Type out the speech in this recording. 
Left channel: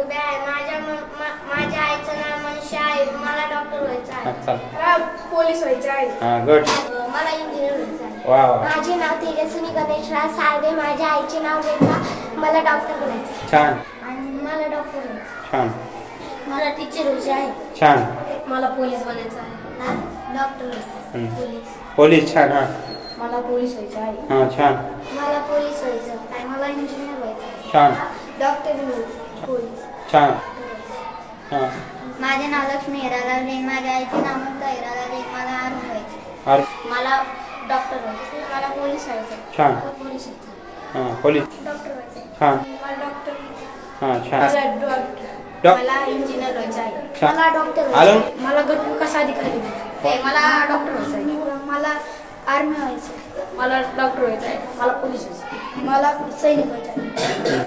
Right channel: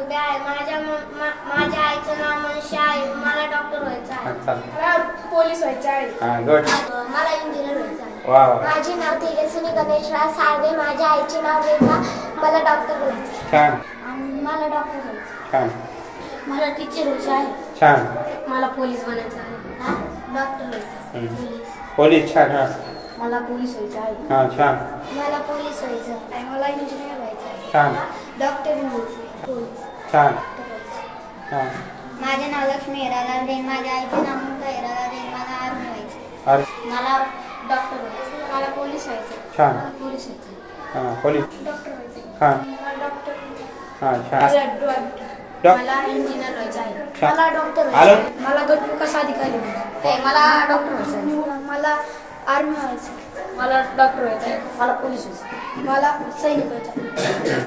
उभ्या आहे. माझ्या आईचं नाव मनीषा आहे. मला डॉक्टर व्हायचं आहे. मला पोलीस व्हायचं आहे. गुड. मला इंजिनियर व्हायचं आहे. वा वा. माझे नाव तेजस्विनी गणेशराव साळवे. माझ्या आईचे नाव रेखा. मला डॉक्टर बनायचं छान आणि मला डॉक्टर व्हायचं. छान मला टीचर व्हायचं आहे. छान. मला पोलीस बनायचं आहे. डॉक्टर व्हायचं. पोलीस. पोलीस छान. हा मला पोलीस व्हायचं आहे. हा छान. मला पोलीस व्हायचं आहे. मला इंजिनियर व्हायचं आहे. छान डॉक्टर व्हायचं. पोलीस. छान. हा माझे नाव लक्ष्मी हिरालाल जैन. माझ्या आईचे नाव ममता हिरालाल जैन. मला आर्मी व्हायचं. अरे मला डॉक्टर व्हायचं. मला पोलीस व्हायचं. छान. मला पोलीस व्हायचं. हा पोलीस डॉक्टर व्हायचं. छान. मला डॉक्टर. हा छान. मला इंजिनियर व्हायचं आहे. छान. मला डॉक्टर आलं? व्हायचं. मला गट विकास अधिकारी व्हायचं. मला डॉक्टर व्हायचं आहे. मला आर्मी व्हायचं. मला डॉक्टर व्हायचं आहे. मला पोलीस व्हायचं. मला सैनिक व्हायचं आहे.